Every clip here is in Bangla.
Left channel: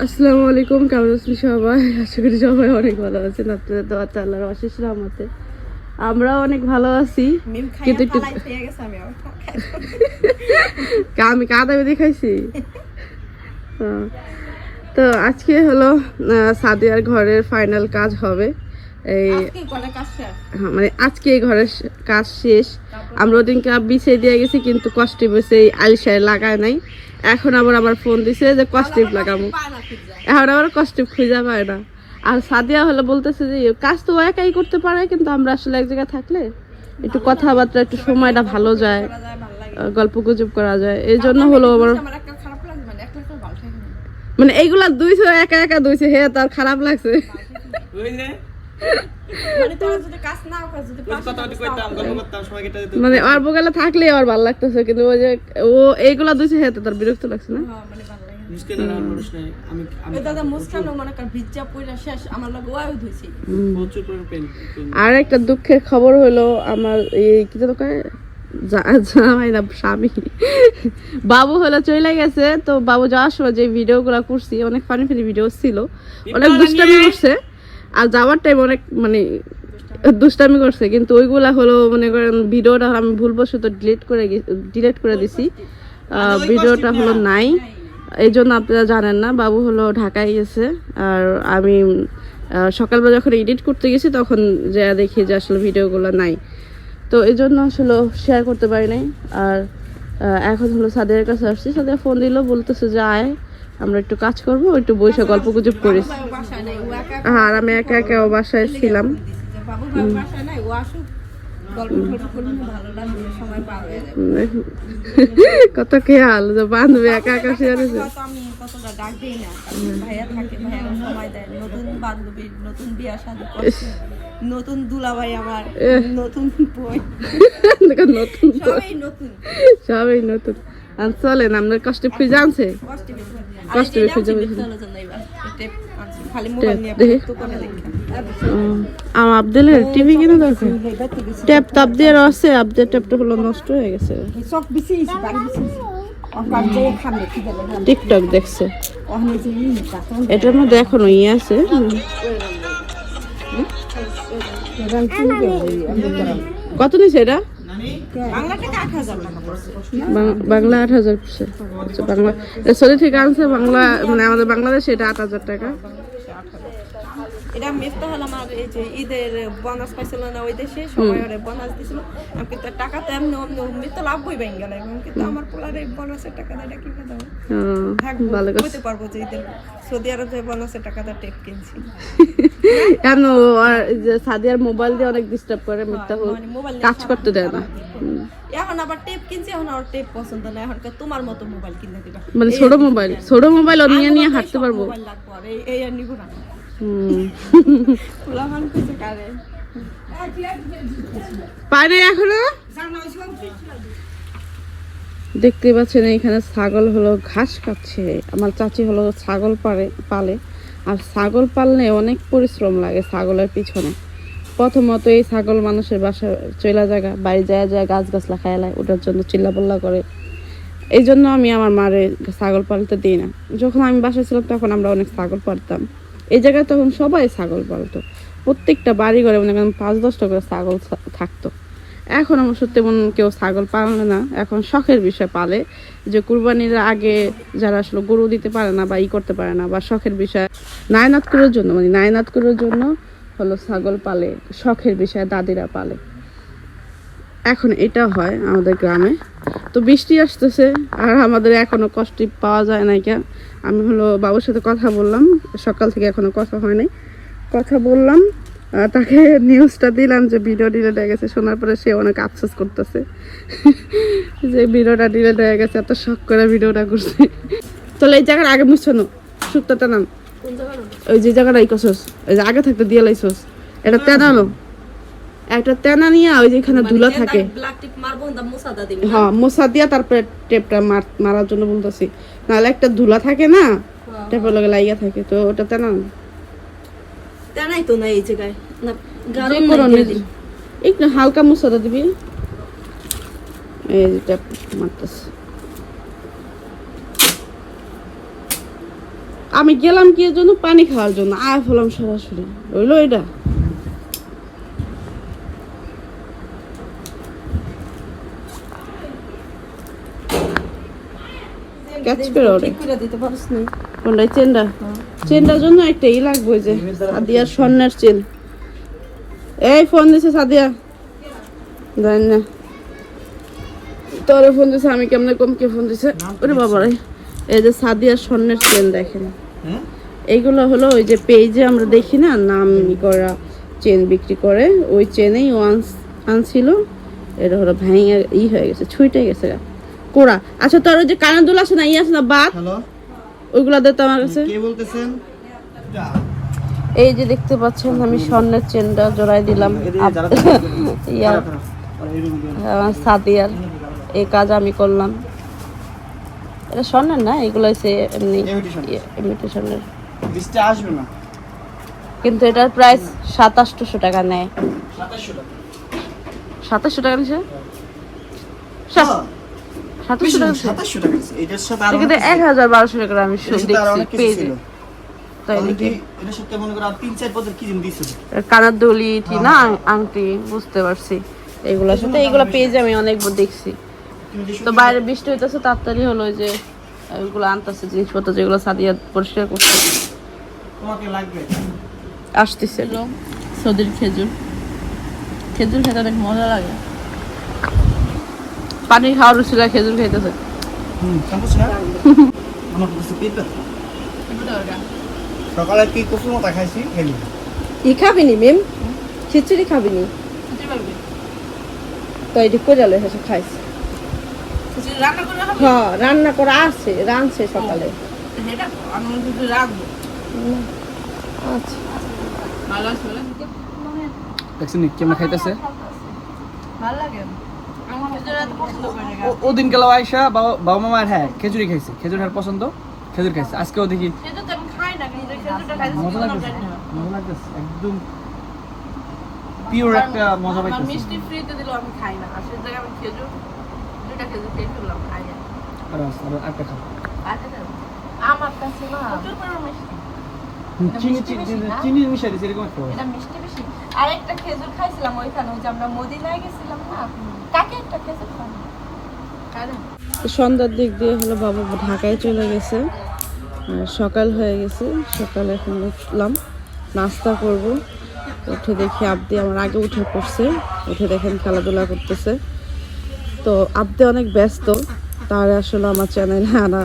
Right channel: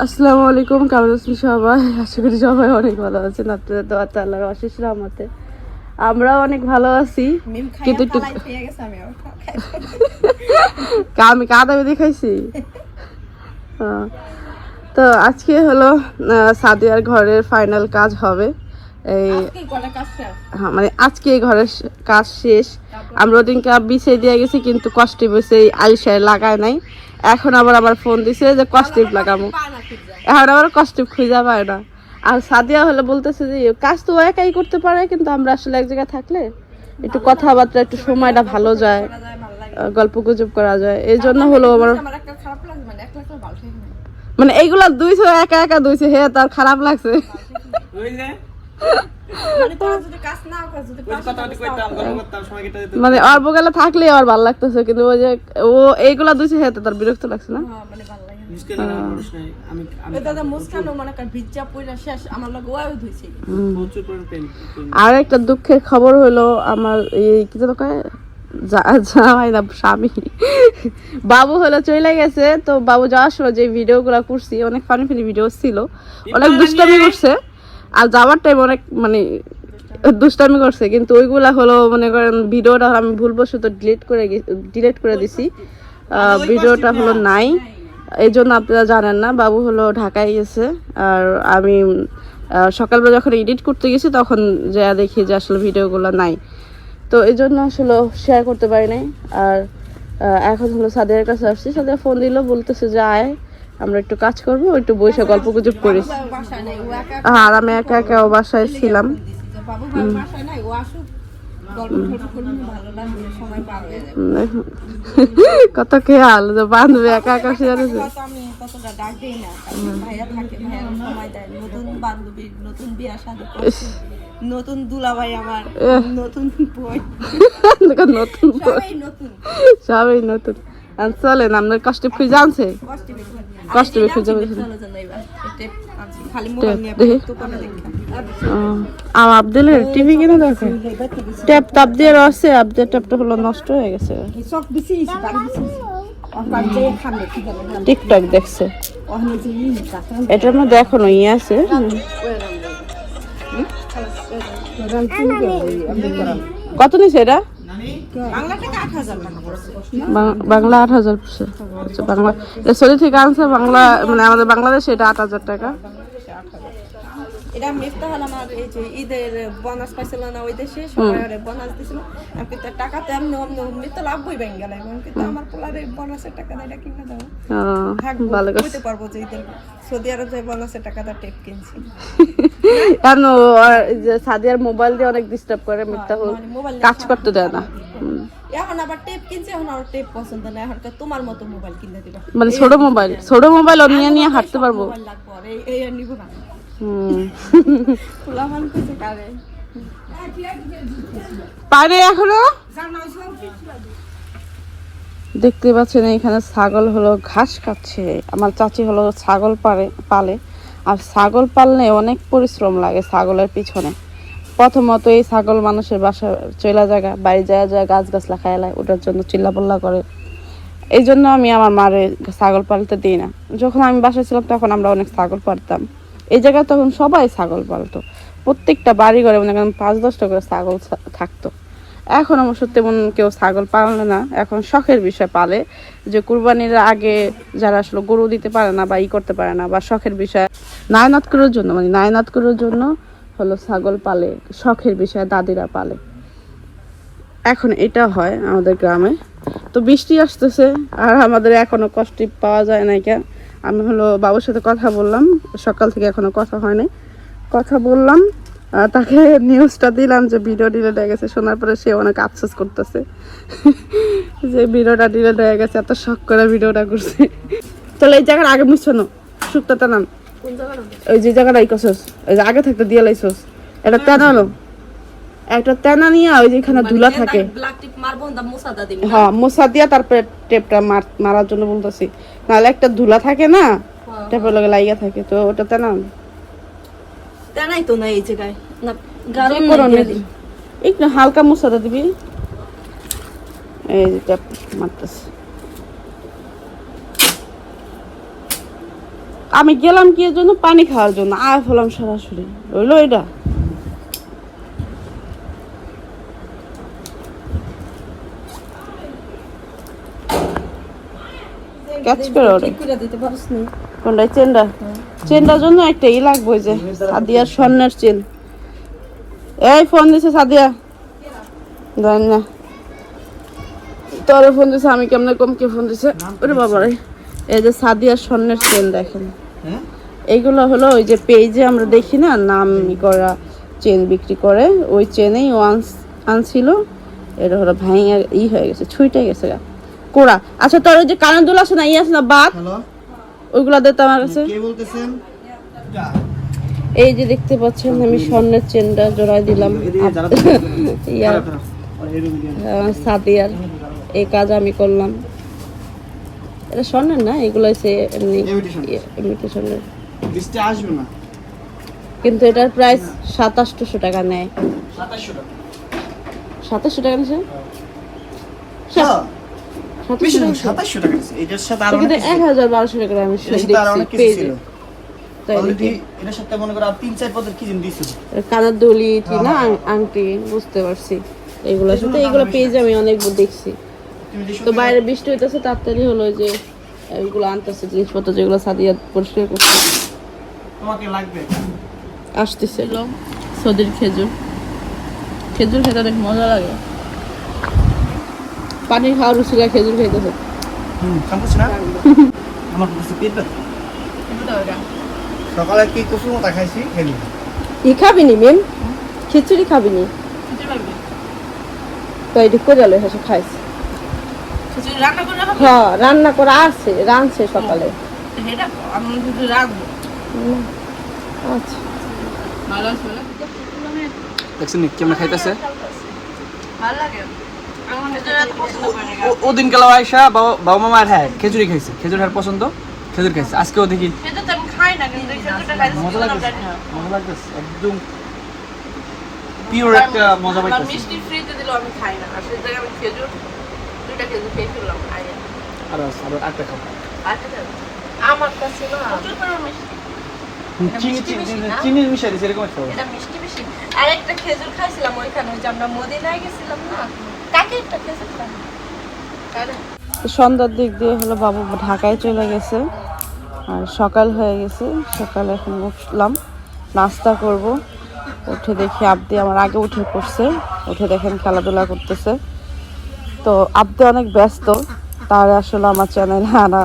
আসসালামু আলাইকুম কেমন আছেন সবাই? আশা করি সবাই অনেক ভালো আছেন। আপনাদের তো আল্লাহর অশেষ রহমতে। আমরাও অনেক ভালো আছি কিন্তু একটু আমি আবার খাই। কা- আমি কাদা বেঁধে খাইছি। হ্যাঁ। তো আজকে হলো সাদিয়ার ঘরের ফাইনাল কাজ হবে। এই আজকে কটা কাজ শেষ? হ্যাঁ, মানে আজকে এই ঘরের কাজ শেষ। আমরা ওদিনকে বিছিয়ে দিয়ে গেছি কিন্তু কষ্টে বসে এই আলিশায় লাগায় নাই। এখন আবার আবার ফোন দিছে যে কষ্টিপ লাগাবো। এখন আবার কষ্টিপ খুঁজে পায় না। আর সাদিয়া হলে বলতেছে যে কাজ তো একাই করতে পারে কিন্তু আমরা আসলে এক জায়গায় থাকলে একটু কথাবার্তা একটু সময়টা ভালো যায় গল্প গুজব করা যায়। এই জন্য হলো আমার আমার একটা খারাপ লাগে মানে মানে এইগুলা দুইছে একা একা দুইছে হে তার খারাপ লাগছে। মানে তোরা যদি কাজ না কাজ যদি পাশে থাকিস, মানে ওর বগলে থাকলে আর ভালো লাগতেছে কিন্তু ওই যে ও এইগুলা দুইছে হে তার বিরক্ত লাগছে না? হ্যাঁ, মানে ভালো লাগে না। ওই দাদা মুস্কানও মনে কর ভিজা পয়লা শেষ আমার লগে ওয়াও ধুইছে। আর একটা দুঃখের খবর হলো আমার এই কি যেন জামাই না স্বামী। বাবু হলো চলে গেছে তো বাবু যাওয়ার সময় যে ভিডিও গুলা করছি অনেক ফানি ফানি ভিডিও ছিল। অনেক দুষ্টামি করছে। আর যাওয়ার টাইম অনেক মানে দুষ্টামি করছে কিন্তু ওইগুলা হলো মনে করেন ভিডিওটা আমি ভুলবশত ডিলিট করে ডিলিট করে দিছি। ভিডিওটা হলো নাই। এই জন্য আপনারা জানেন না বাবু হলো ঢাকায় গেছে আর আমি সকালবেলা যখন এডিট করতে গেছি তখন যা দেখি যে আসলে ভিডিওগুলো নাই। তো এই জন্য আসলে শেয়ার করতে পারি নাই। আর এখন হলো সাদের কাছে আসছি। সাদের ফোন দিল বলতেছে যে আয়। আমরা একটু কাজ করব একটু বসে গল্প গুজব করি। আর আমি একা একা বাসায় ছিলাম। কত খেয়াল যে বান্ধবী একা একা শেয়ার নতুন বান্ধবী নতুন বিয়া শাদী করছে নতুন দুলাভাই আমার নতুন বই নতুন সবাই নতুন। সবাই নতুন। আর চলেন আপনার কষ্ট খুঁজে আনছে কষ্টে দেখা। আমার আব্দুলের টিভি কিনে ট্যাপ তাপ দিয়ে রসে আব্দের ট্যাপটা হলো নষ্ট হয়ে গেছে। টিকটক দেখছে। এটার মধ্যে এখনও ইয়ে আছে। কত নিছে এটা? বাংলা আট হাজার পড়ছে আচ্ছা বাংলা সৌদি থেকে আনছে বাংলা মানে আমাদের বাংলাদেশে এটা আট হাজার টাকা। এটা আমার এই যে ঈদের বোনাস পাইছিল না ওই দেশে সবাই বোনাস দিছিল। আমি কিন্তু টাকা তো এমনি অমনি অমনি তো গেল আমি কিন্তু আমার পোলার এই বোনাসের এটা কিনে দাও থাকব ভালো বুঝতে পারব যে ঈদের সৌদি আরব যে বোনাসের টাকাটা টেপ কিনছি। কেন যে সাদিয়ার মোবাইল দিয়ে অনেক ডিস্টার্ব করে মিথ্যা মানে মোবাইল কাজ করতে দেয় না। এখন আবার টেপ কিনছি এখন আর টেপ পছন্দ না। এখন তোমার মতো মোবাইল কিনে দিবা। মানে ছোট মোবাইল ছোট মোবাইল নিয়ে নিয়ে হাঁটতে পারব। এই এই আর নিব না। দেখতে পাচ্ছেন এখানে ছাগল হলো ঘাস খাচ্ছে। আমার চাচি হলো ছাগল পারে, পালে। আর ছাগল পালনে অনেক পরিশ্রম লাগে ছাগলের পিছনে। প্রথমত এই ছাগল মানুষের বাসা চলা জায়গা, বাড়ি যায় যায় গাছ গাছ লাখায় এলায় ওটার জন্য চিল্লাপাল্লা করে। এই জন্য আমি আমার মারে ছাগল পালতে দিই না। যখন আমি বাসায় ছিলাম, তখন আমরা অনেক ছাগল পালতাম। এই জায়গায় তখন সবাই ছাগল পালতো। প্রত্যেকটা বাড়ি ঘরে মনে করেন পাঁচ দশটা করে ছাগল থাকতো। এখন আমার সত্যি মন কেউ ছাগল পালে না। এখন শখের বিষয় পালে যে কুরবানির আগে যারা আসলে গরু দিতে পারে না বা ই করতে পারে না বা শখের বিষয়, নায়নাত করার জন্য মানে নায়নাত করার জন্য হলো ছাগল পালে, শখের বিষয় দাদিরা পালে। এখন এটা হয় আমাদের গ্রামে। তো বৃষ্টি আসতেছে আর আমাদের এখনও কষ্ট পাওয়া যায় না কেন? আমি হলো বাবুর সাথে কথা বললাম সকাল থেকে এখনও কথা হয় নাই। কথা বললাম তাকে নিউজটা দিলাম যে ভিডিও ডিলেট হয়ে গেছে শোনার পরে সে অনেক আফসোস করতেছে। যে ভিডিওটা ডিলেট হয়ে গেছে এত শখ করে ভিডিওটা করছে। চলো এই জায়গার আগে মুছানো শুক্তাটা নাম। ওই যে জায়গাটা ইকোসস ওই যে আগে থাকতে দিয়ে লাইছস এটা তেনানো একটা তেনা নিয়ে ওই যে এখানে ধুলা থাকে। হ্যাঁ দিয়া তারপরে টেপটা মারার জন্য বলতেছি। নাহলে একটা ধুলা থাকে না টেপের লগে লাইগা থাকে তো ওটা তেনা। তা নাই তো না এই জায়গায়। একটু হালকা মশাটা দিবি। এই যে টেপ মারতেছে। আমি গেলাম কি জন্য? পানি খাওয়ার জন্য। আর হলাম সরাসরি। রইল এটা? ক্যাচ করে ওরে। চেনটা? চেনটার জন্য একটা ই লাগবে যে সাদিয়া স্বর্ণের চেন। এই ফোন দিছে সাদিয়া। দেন না। তোরে ফোন দিছে, আমি কেমনে কম কে ফোন দিছে? ওরে বাবা রে এই যে সাদিয়া স্বর্ণের চেন দেখেন। এইগুলো হলো ওই যে পেজে আমরা দেখি না, নাম ই করা চেন বিক্রি করে। ওই চেনেই ও আনছিল। এটা হলো ভাঙে ই হয়ে গেছে, ছুইটে গেছে গা। কোড়া আচ্ছা তোর ওই যে কানের দুল আছে না ই আছে না বাদ ওইগুলা দে তো আমার কাছে। কে বলতেছেন? এই যে দেখতে পাচ্ছেন আমি স্বর্ণের চেনটা জোড়ায় দিলাম। ইয়ার সাদিয়ার এই কাজ আমি করলাম। এটা স্বর্ণের না? এগুলো হচ্ছে এমনি. ইমিটেশনের বৃষ্টি আসবে কিন্তু এটার প্রাইস সাতাশশো টাকা নেয়। সাতাশশো টাকা। নিছে? হ্যাঁ, সাতাশশো টাকা সাতাশশো টাকা এটার সাথে আরও এক হাজার বারোশো টাকা আমি দেখছি দিছো? কানের দলি না আংটি বুঝতে পারছি। এগুলোর সাথে এগুলো পেজে আমি অনেক দেখছি। তো বাইরে বৃষ্টি হইতেছে তাড়াতাড়ি হলো ওই যে এইগুলো আনতেছে জিনিসপত্র যেগুলো সাদিয়া পরিষ্কার করছে। তোমাকে লাগবে। আসতেছে। সদির খেজুর। খেজুর খেতে অনেক মজা লাগে। পানি খাওয়ার রুচিলা খেজুর পেতে সকালে কি কফি মতো খাইছি? খেলি। ই খাবি নি মেম? খিচুড়ি খাবি নি তো হেসে খাইছি। হ্যাঁ রান্না করা আছে রানছে সকালে। আচ্ছা। কেমন খাইতেছে? ওদিন গেল আয়সা বাবা বাবা মামার হ্যাঁ খেজুরি খাইছে। খেজুর হ্যাঁ পছন্দ? খেজুর খাইছে। আজকেও দেখি। মজা একদম পিওর একটা মজা পাইতেছি আর আছে, আর একটা খাব? আমার কাছে না। চিনি চিনি চিনি মিশাই দিছে এরকম একটা এটা মিষ্টি বেশি। আর একটা খেজুর খাইছিলাম ওইখানে ওই যে আমরা মদিনায় গেছিলাম না? সন্ধ্যার দিক দিয়ে হলো বাবু ঢাকায় চলে গেছে। আর সকাল হয়ে গেছে। সকালে এখন উঠলাম। নাস্তা করব। উঠে দেখি আবদি আমার আগে উঠে পড়ছে। উঠে দেখেন খেলাধুলা করতেছে। তো আবদি অনেক ব্যস্ত। তার আসলে আমার চ্যানেলে আনা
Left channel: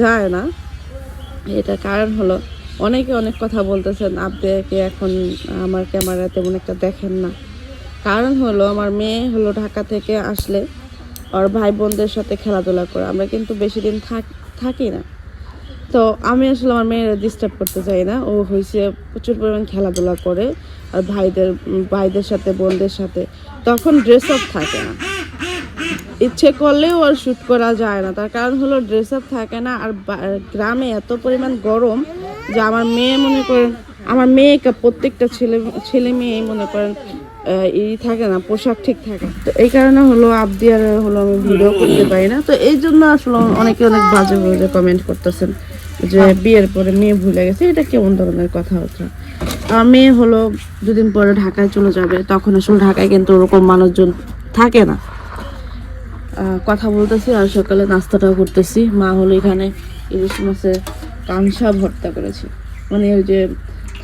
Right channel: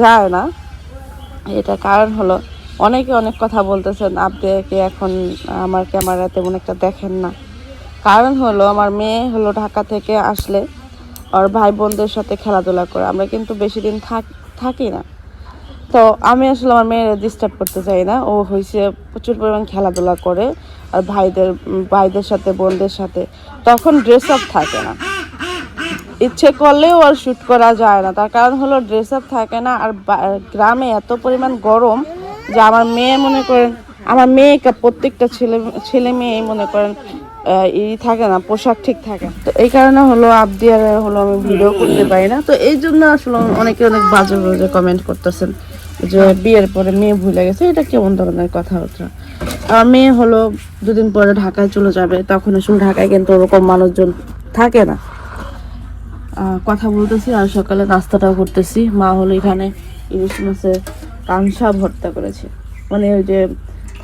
যায় না। এটা কারণ হলো অনেকে অনেক কথা বলতেছেন আবদিকে এখন আমার ক্যামেরা তেমন একটা দেখেন না। কারণ হলো আমার মেয়ে হলো ঢাকা থেকে আসলে আর ভাই বোনদের সাথে খেলাধুলা করে। আমরা কিন্তু বেশি দিন থাক না। তো আমি আসলে আমার মেয়ের ডিস্টার্ব করতে চাই না। ও হয়েছে প্রচুর পরিমাণ খেলাধুলা করে আর ভাইদের ভাইদের সাথে, বোনদের সাথে। তখন ড্রেস আপ থাকে না। ইচ্ছে করলেও আর শ্যুট করা যায় না। তার কারণ হলো ড্রেস আপ থাকে না আর গ্রামে এত পরিমাণ গরম যে আমার মেয়ে মনে করেন, আমার মেয়েকে প্রত্যেকটা ছেলে ছেলে মেয়ে মনে করেন ই থাকে না, পোশাক ঠিক থাকে। তো এই কারণে হলো আবদি আর হলো আমি ভিডিও করতে পারি না। তো এই জন্য আসলে অনেকে অনেক বাজে বাজে কমেন্ট করতেছেন যে বিয়ের পরে মেয়ে ভুলে গেছে। এটা কেমন ধরনের কথা আমার মেয়ে হলো দুদিন পরে ঢাকায় চলে যাবে, তখন আসলে ঢাকায় কিন্তু ওরকম মানুষজন থাকে না। কথা বলতেছি আর সকালে নাস্তাটাও করতেছি। মা হলো এখানে ইলিশ মাছের কাংসা ভর্তা করেছে। মানে ওই যে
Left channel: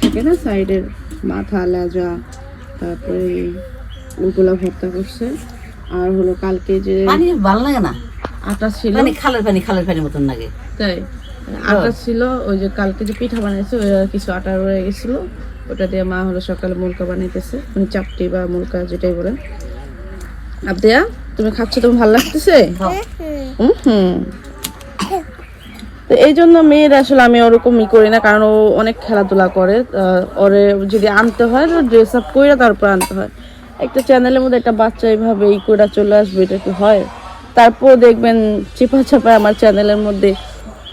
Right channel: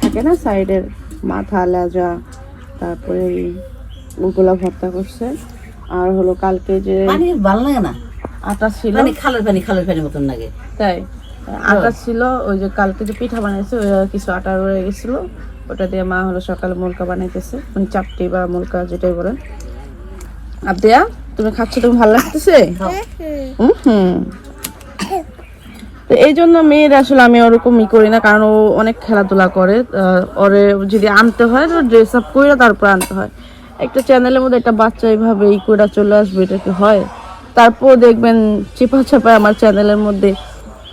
থাকে না সাইডের মাথা, লেজা তারপরে ওগুলা ভর্তা করছে। আর হলো কালকে যে পানি ভালো লাগে না? আটা ছিল। পানি খালের পানি খালের পানি মতন লাগে। তাই আটা ছিল ওই যে কালকে যে পিঠা বানাইছে ওই কিছু আটা রয়ে গেছিল। ওটা দিয়ে মা হলো সকালে মুলকা বানাইতেছে। মানে চাপটি বা মুলকা যেটাই বলেন। আবদিয়া তুমি খাচ্ছ তুমি ভালো লাগতেছে? হুম হুম। তো এই জন্য মেয়ের আসলে আমি ওরকম ই করি না, কারণ ও অনেক খেলাধুলা করে। ওরে যদি আনতে হয় ড্রেস আপ করে তারপর আনতে হয়। একটা চ্যানেলের মধ্যে একটা বাচ্চা এইভাবে ই করে চলে আসবে, এটা কি হয়? তারপর দেখবেন চিপা চাপায় আমার চ্যানেলের মধ্যে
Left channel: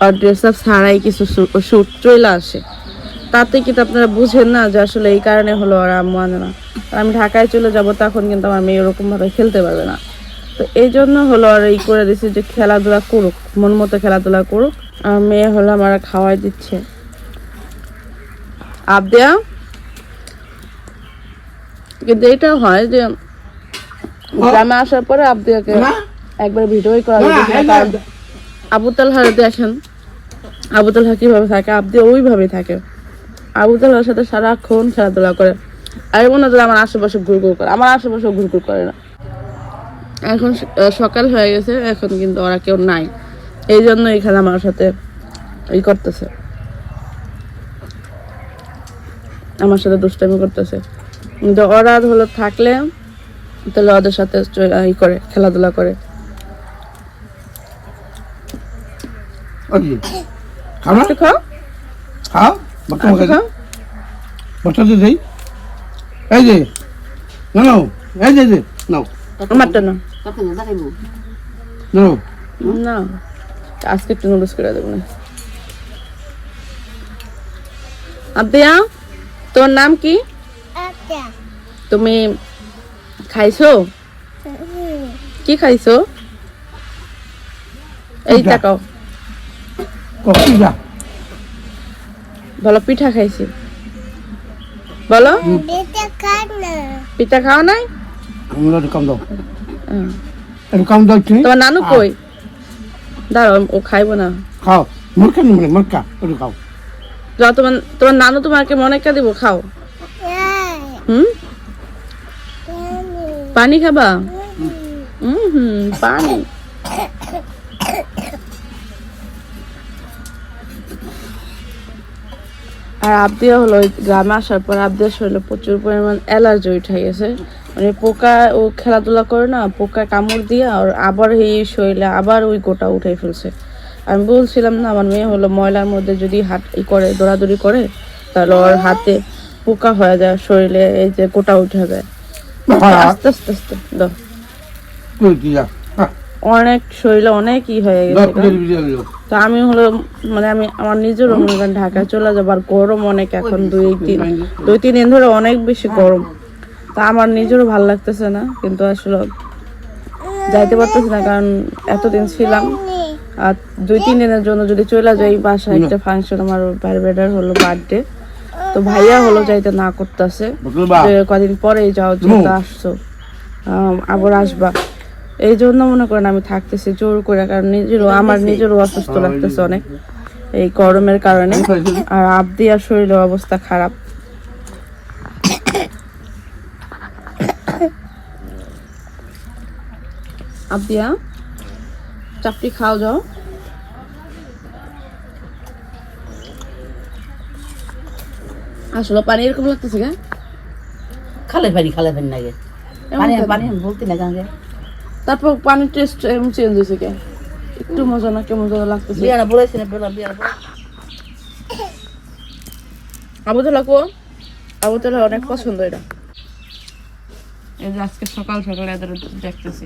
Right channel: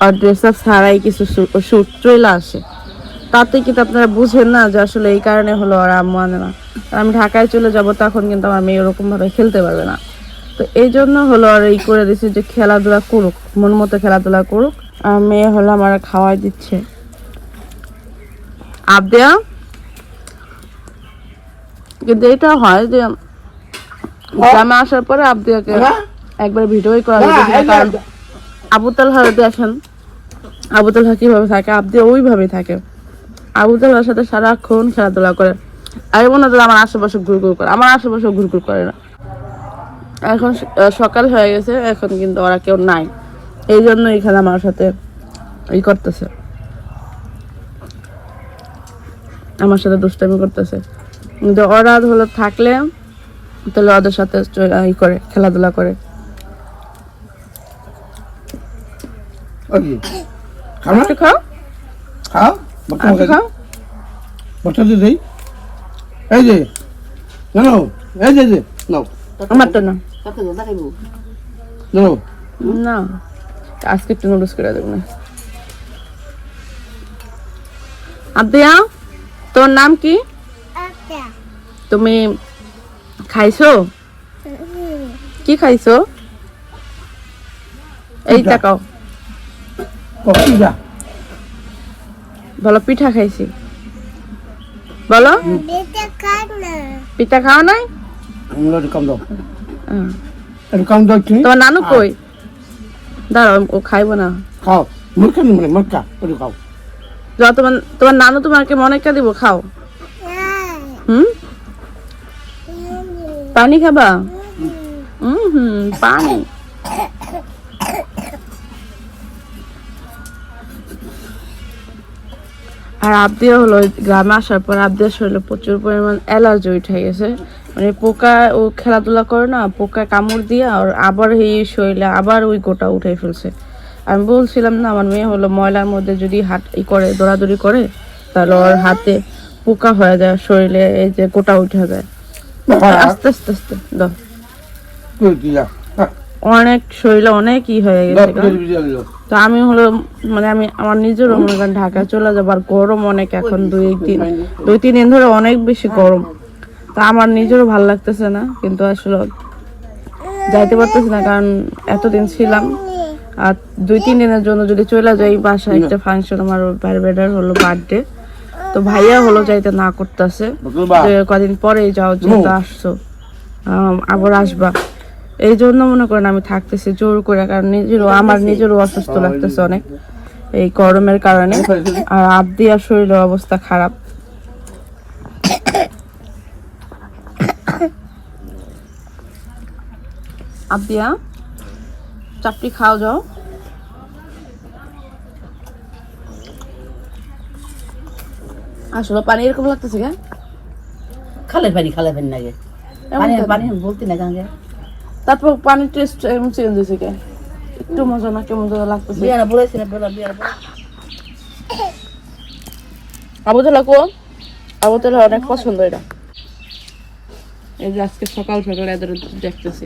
আর ড্রেস আপ ছাড়াই কিছু শুট চলে আসে। তাতে কিন্তু আপনারা বুঝেন না যে আসলে এই কারণে হলো আর আম্মু না। আমি ঢাকায় চলে যাব, তখন কিন্তু আমার মেয়ে ওরকম ভাবে খেলতে পারবে না। তো এই জন্য হলো আর এই করে দিছি যে খেলাধুলা করুক, মন মতো খেলাধুলা করুক। আর মেয়ে হলো আমার খাওয়াই দিচ্ছে। আবদিয়া? কিন্তু এটা হয় যে গ্রামে আসার পরে আবদিয়াকে একবার করা আবু তালহারে দেখেন আবু তালহা কীভাবে থাকে? আবদিয়া ওইভাবে থাকে। আবু তালহার সাথে সারাক্ষণ খেলাধুলা করে। আমি মনে হয় আমার আশেপাশে ঘুরঘুর করে। আমার আশেপাশে ঘুরঘুর করে না। এখন সকাল হয়ে গেছে এখন কিন্তু ওরা কেউ নাই। এই জন্য এখানে আমার সাথে ই করতেছে। আমার সাথে দুষ্টামি করতেছে। কিন্তু ওরা হলো থাকলে তাহলে ওদের সাথে ই করে খেলাধুলা করে। এই যে নাও এই যে না। আজকে একটু নুডলস করে দেবো না। আব্দিয়া তোর নাম কি? তুমি খাইছো? কি খাইছো? এই পিঠা। তাকাও বলো পিঠা খাইছি। বলো। পিঠা খাও নাই? কম দাও। কম দাও তোমার নানু কই? দাঁড়াও ও খাইবো না। খাও। মুরকা নিবে মুরকা একটু খাও। যা তোমার তোমার নানু তোমাকে মনে কে দিব খাও। হুম? পানি খাবা? হুম হুম পানি। আর আবদিয়া হলো গ্রামে আসার পর আবদিয়ার শরীরে প্রচুর পরিমাণ অ্যালার্জি উঠে গেছে। মানে পোকা ও খেলাধুলা করে না পোকা কামড় দিয়ে আর আবার এই শরীরে আবার ওই গোটা উঠে ফেলছে। আমি বলছিলাম না আমার মেয়ে হলো ময়লার মধ্যে যদি হাত ই করে দৌড়াদৌড়ি করে তাহলে ওর হাতে পোকা হয়ে যায় শরীরে এই যে গোটা উঠে যায়। আস্তে আস্তে আস্তে দাও। অনেক শরীরে অনেক ই হয়ে গেছে তো আমি হলো মানে আমি আমার নিজের অনুমান ঢাকা চলে যাবার গরম অনেক এখন দুই তিন দুই তিন দিন ধরে অনেক বেশি গরম। তা আমার নিজেরও ভালো লাগতেছে না কিন্তু আসলে যাইতে পারতেছি না কারণ এতদিন ছিলাম। আর দুই তিন দিনের জন্য যদি চলে যাই বাসায় একটা ফাংশন আমার ভাইয়ের বেডার হলো বার্থডে তো ভাইয়া হলো যাইতে না করতেছে। কদিন পরেই যাও যেহেতু আসছো। আবার আসবা। এই জন্য মনে করেন আমি থাকতেছি জোর করে কারণ নিজেরও আমার নিজেরও অসুস্থ লাগতেছে অনেক এই গরমের কারণে। আর আবদিয়ার শরীরের অবস্থা খারাপ। আবদিয়া চাপটি খাও যাও। আসলে পানি এরকম লাগতেছে কেন? খালের পানি খালের পানি লাগে। পানি পানি বলতে না কেন তারপর পানির টেস্ট এমন চেঞ্জ হয়েছে কে? একটু মজা না কেমন যেন লাগতেছে। বিয়ারা বলেছে না বেলা বিয়ারা বলে। আবুতলা কো? আবুতলা অনেক পছন্দ এটা। এই যে আজকে সকাল সকাল এদের দেখতেছি।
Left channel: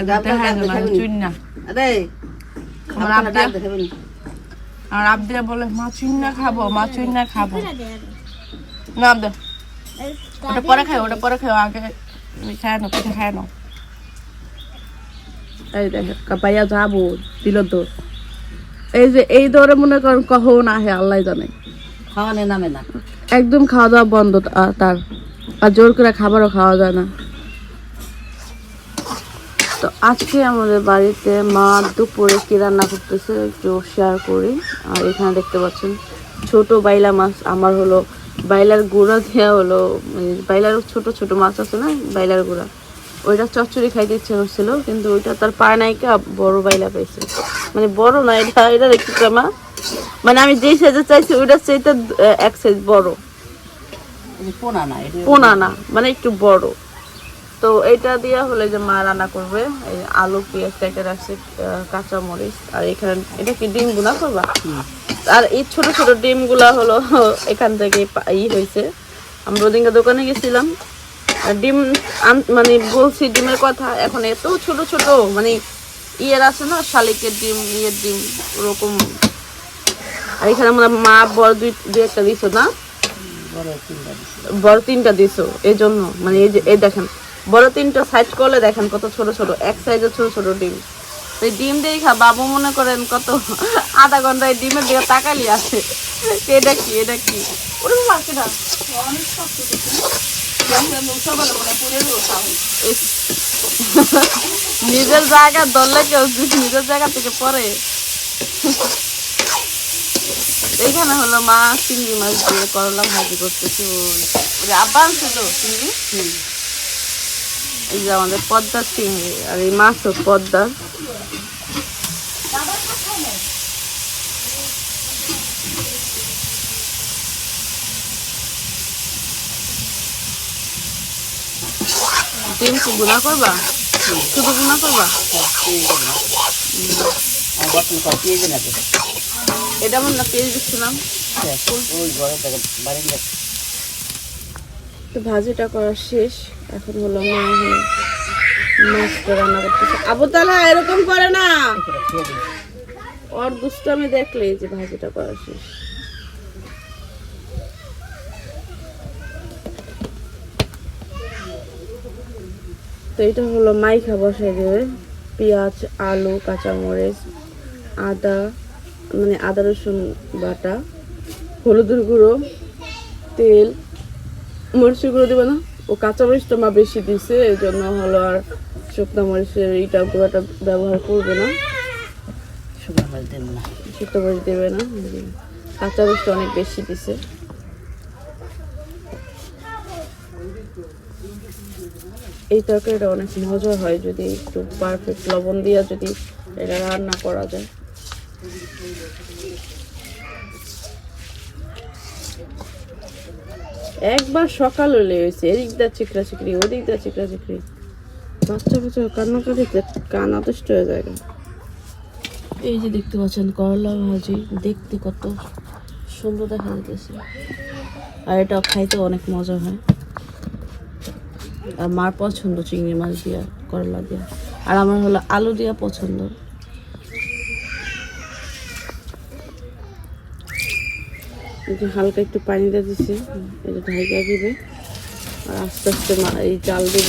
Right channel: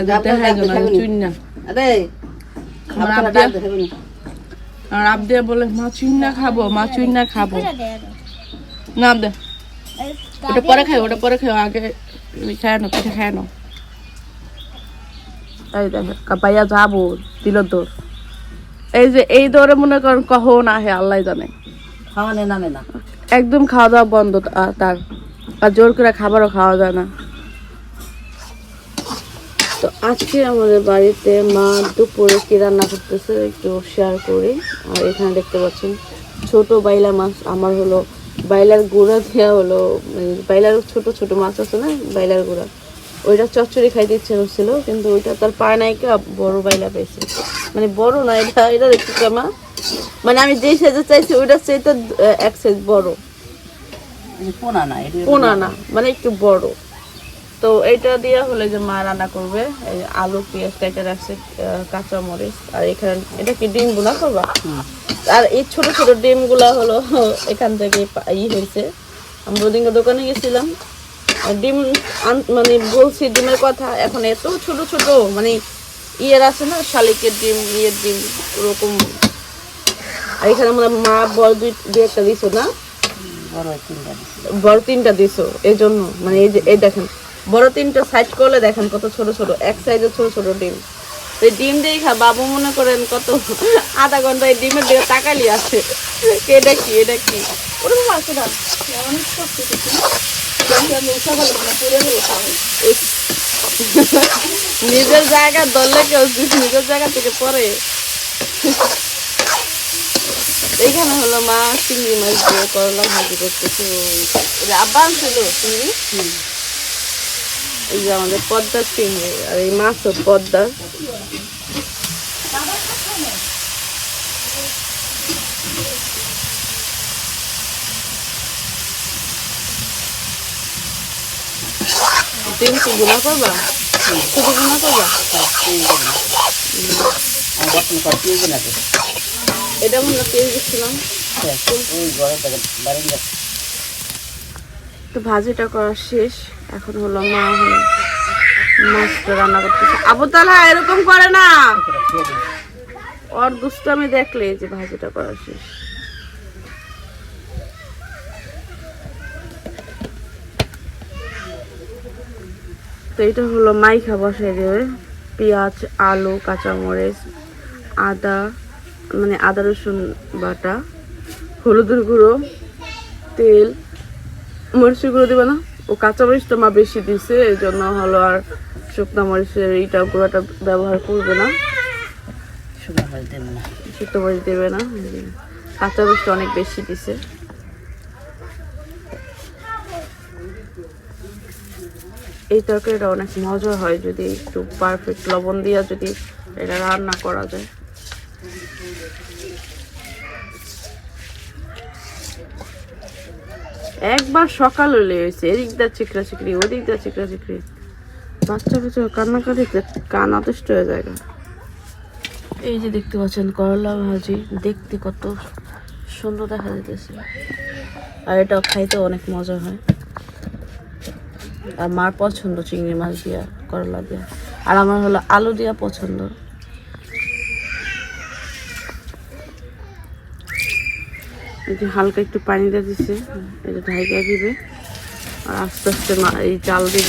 এদের দেখা যায় না। চুন না? আরে আমার খাবার আবদিয়া ডাক দেখাবে না? আর আবদিয়া বলে মা চুন না খাব মা চুন না খাব। না আবদে ওটা পরে খাই ওটা পরে খাই আগে খায় না পিঠে খায় না দেখে যাব দিল দৌড় এই যে এই দৌড়ে মনে করেন কখন আহে আল্লাহ জানে। খাওয়ানে নামে না? একদম খাওয়া দাওয়া বন্ধ তার আর জোর করে খাবারও খাওয়া যায় না। তো আজকে আমাদের বাড়িতে মা দুপুরে কি রান্না করতেছে একটু শেয়ার করি। আর এখানে দেখতে পাচ্ছেন ছোট বাইলা মাছ আমার হলো বাইলার গুঁড়া দেওয়া হলো মানে বাইলার ছোট ছোট মাছ আছে না বাইলার গুঁড়া। ওইটা চচ্চড়ি খাইতে ইচ্ছে করছিল কিন্তু ওইটা তার পায় নাই কে বড় বাইলা পেয়েছে মানে বড় না এটা এটা দেখতে মা মানে আমি যেই সাইজে চাইছি ওইটার চাইতে এক সাইজ বড়। পোনা না মানে একটু বড়। তো এটা দিয়ে হলে যে মা রান্না করবে এই আলু পেঁয়াজ কেটে রাখছে কাঁচা মরিচ আর এখানে এটা কি ডিমগুলা করবা? আর এই ছোট ছোট ডিমগুলা হলো এখান থেকে ই হয়েছে আমরা ওদিনকে দোকানে গেছিলাম ডিম মানে বলছি ডিমের কথা, এখন এত ছোট ছোট মানে ইয়ের আছে না, শালিকের ডিম, ইয়ের ডিম, ওরকম। আর এখানে আমরা মা বড় দুই দুই একটা দিছো না? বড় তিনটা দিছো এই জন্য মানে এই যে, এই দেখেন, বড় তিনটা সাইড করলে দেখেন কত ছোট ছোট, এক সাইজের ছোট ছোট ডিম। এই ডিম দিয়ে খা বাবু মনে করেন কত, আধা ঘণ্টা এই ডিমের দিকে তাকালি আছে। এটা কি এটা কি? ইস। নিজের জায়গা দলে কেউ নিজের জায়গা থেকে পরে? এইখানে হলো মা চিংড়ি মাছ দিয়ে করলা ভাজি করতেছে। আব্বা ছিল চিংড়ি? এই যে আমাদের পদ্মার চিংড়ি আর এই মাছ তো পদ্মার ডিম কি গুণা করবা? শুধু গুণা করবা? এটা আমার না পেয়ে দিচ্ছিলাম তো ভাজিটা করা শেষ। এখন হলো মা হলো মাছটা রান্না করতেছে। আবু তালা এরকম করে না। ওর দুষ্টামি দেখলে যে ভাজিটা করা শেষ। তো এটা হলো মাইখা বসাই দেবে। পেঁয়াজ আলু কাঁচামরিচ আদা মানে আদা রসুন বাটা হলুদের গুঁড়ো তেল মরিচের গুঁড়ো দেবে না। ও কাঁচা মরিচটা মা বেশি দিছে এই জন্য হলো আর শুকনো মরিচের এইটা গুঁড়োটা ব্যবহার করবে না। শুকনো মাছ দেব না। শুকনো মরিচ দেবে না। এই যে কাঁচা মরিচটা অনেক বেশি দিছে। এই তরকারিটা অনেক মজা হয় যদি একটু পারফেক্ট লবণ দিয়ে যদি এটা রান্না করা যায়। একবার সকাল হলে হয়েছে, এদিক দা চিকরা চিকরি ওদিক দা চিকরা চিকরি বাচ্চা বাচ্চা কান্নাকাটি কান আদিষ্ট হয়ে যায়। এই যে দেখতে পাচ্ছেন করলা ভাজি, দেখতে কত সুন্দর দেখা যাইতেছে। আর এটা খাইতে অনেক মজা হয়। আর মার পছন্দ চিংড়ি মাছ দিয়া, করলা দিয়া। আর আমার হলো আলু দিয়া পছন্দ। হালকা একটু পানি দিয়ে দিছি, এই যে ঢাইকা দিবে। আর আস্তে আস্তে এই চাল দিব।